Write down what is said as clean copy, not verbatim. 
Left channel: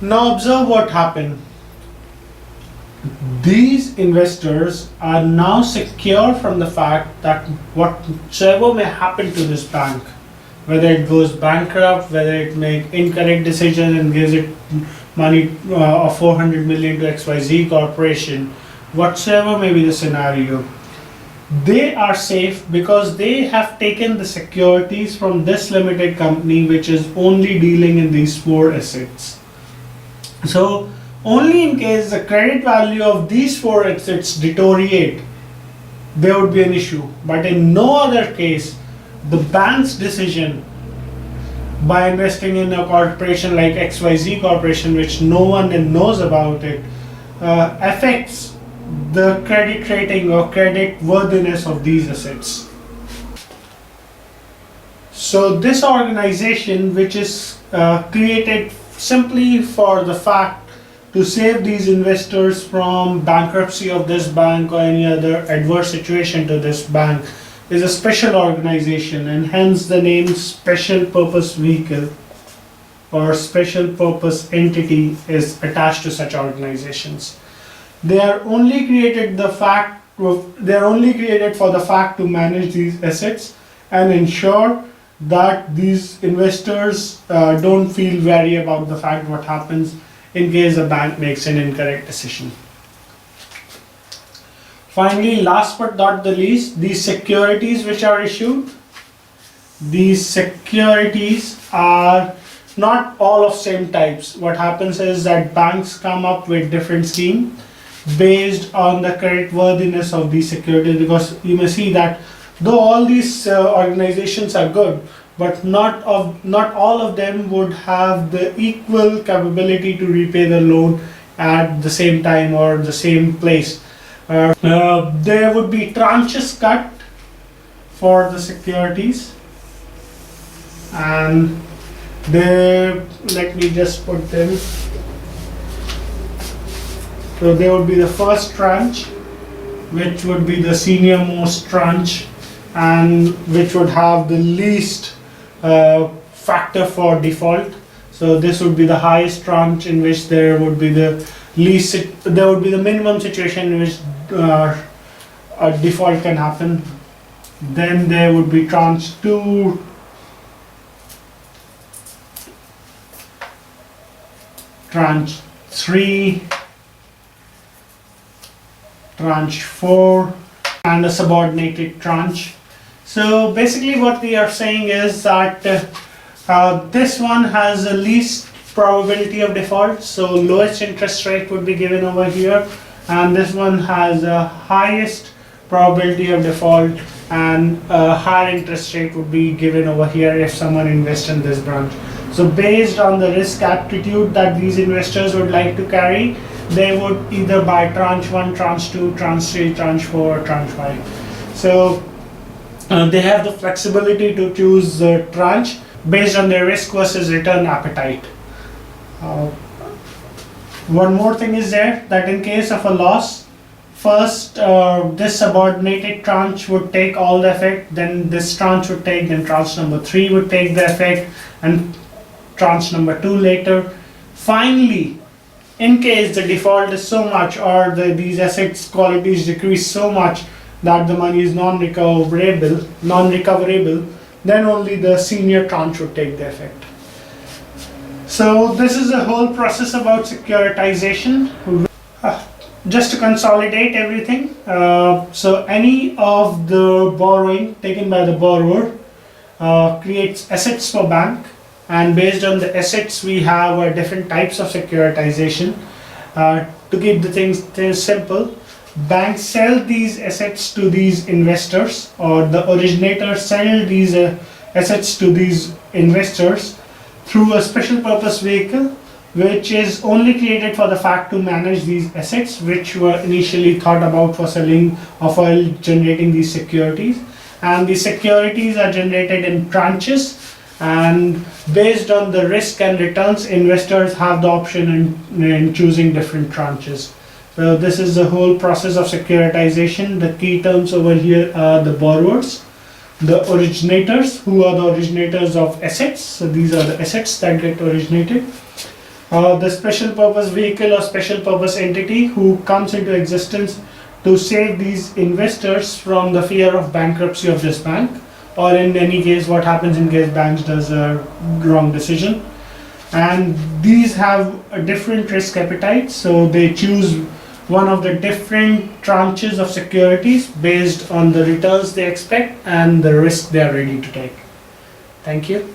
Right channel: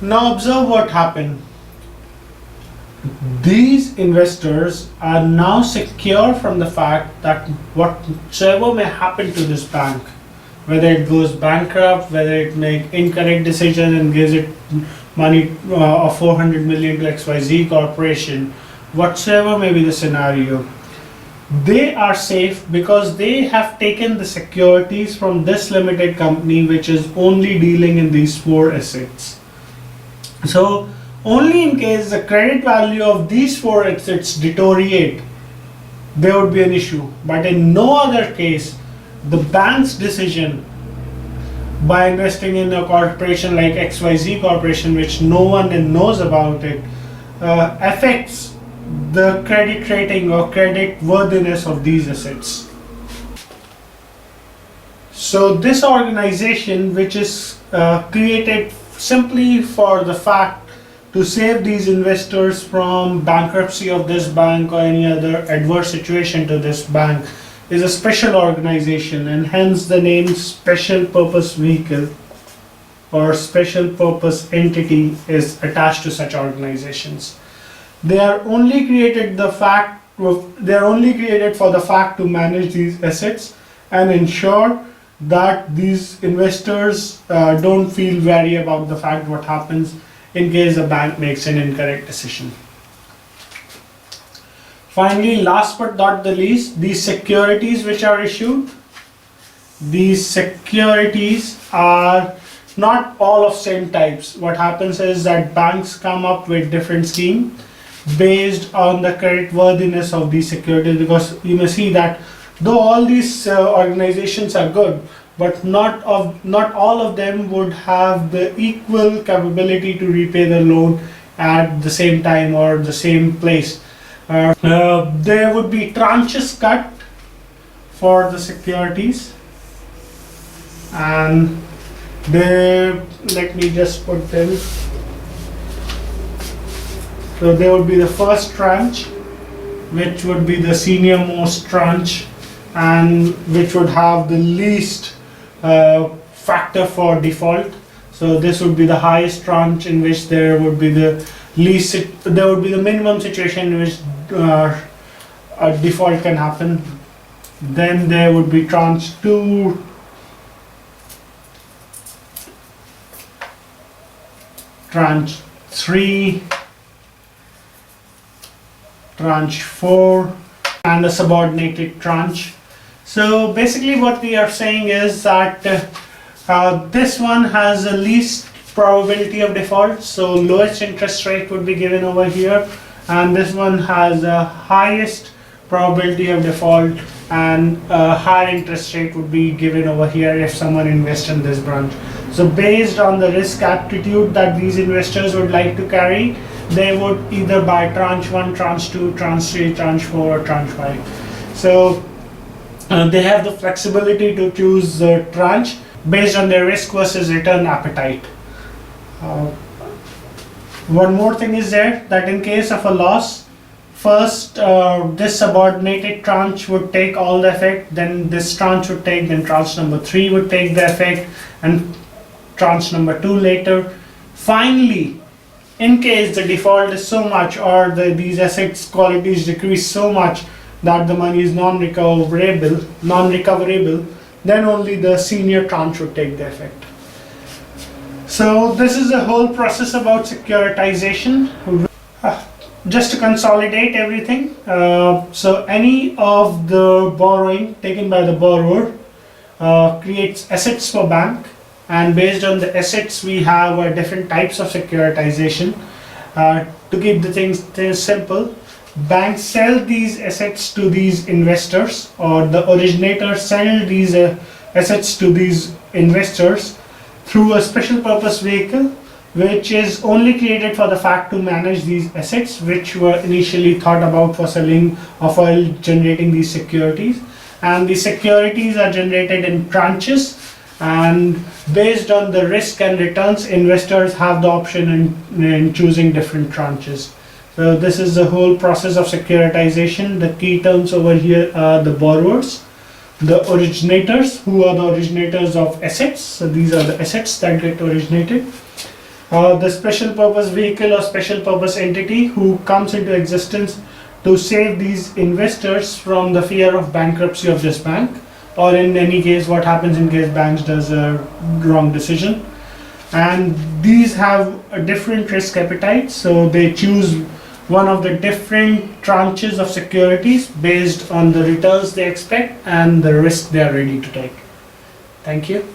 Now observe what happened. These investors are now secure from the fact that whatsoever may happen to this bank, whether it goes bankrupt, whether it make incorrect decision and gives it money of 400 million to XYZ corporation, whatsoever may be the scenario, they are safe because they have taken the securities from this limited company which is only dealing in these four assets. So only in case the credit value of these four assets deteriorate, there would be an issue. But in no other case, the bank's decision by investing in a corporation like XYZ Corporation, which no one knows about it, affects the credit rating or credit worthiness of these assets. So this organization, which is created simply for the fact to save these investors from bankruptcy of this bank or any other adverse situation to this bank, is a special organization, and hence the name Special Purpose Vehicle or Special Purpose Entity is attached to such organizations. They are only created for the fact to manage these assets and ensure that these investors don't feel wary about the fact what happens in case a bank makes an incorrect decision. Finally, last but not the least, these securities which are issued. These securities are not all of same types. What happens is that banks come up with different schemes based on the credit worthiness of these securities, because you may see that though all these organizations are good, but not all of them would have the equal capability to repay the loan at the same time or the same place. There would be tranches cut for the securities, and let me just put them. So there would be the first tranche, which would be the senior most tranche and which would have the least factor for default. So this would be the highest tranche in which there would be the minimum situation in which a default can happen. Then there would be tranche 2, tranche 3, tranche 4, and a subordinated tranche. So basically what we are saying is that this one has the least probability of default, so lowest interest rate would be given over here, and this one has the highest probability of default and a higher interest rate would be given over here if someone invests in this branch. So based on the risk aptitude that these investors would like to carry, they would either buy tranche 1, tranche 2, tranche 3, tranche 4, tranche 5. So they have the flexibility to choose the tranche based on their risk versus return appetite. One more thing is there, that in case of a loss, first this subordinated tranche would take all the effect, then this tranche would take, then tranche number 3 would take the effect, and tranche number 2 later. Finally, in case the default is so much or these assets qualities decrease so much that the money is non-recoverable, then only the senior tranche would take the effect. So this is the whole process about securitization. Just to consolidate everything, so any of the borrowing taken by the borrower creates assets for bank, and based on the assets we have different types of securitization. To keep the things simple, banks sell these assets to these investors, or the originators sell these assets to these investors through a special purpose vehicle, which is only created for the fact to manage these assets, which were initially thought about for selling or for generating these securities. And the securities are generated in tranches, and based on the risk and returns, investors have the option in choosing different tranches. So this is the whole process of securitization. The key terms over here are the borrowers, the originators, who are the originators of assets. So these are the assets that get originated. The special purpose vehicle or special purpose entity who comes into existence to save these investors from the fear of bankruptcy of this bank, or in any case what happens in case banks does a wrong decision. And these have a different risk appetite, so they choose one of the different tranches of securities based on the returns they expect and the risk they are ready to take. Thank you.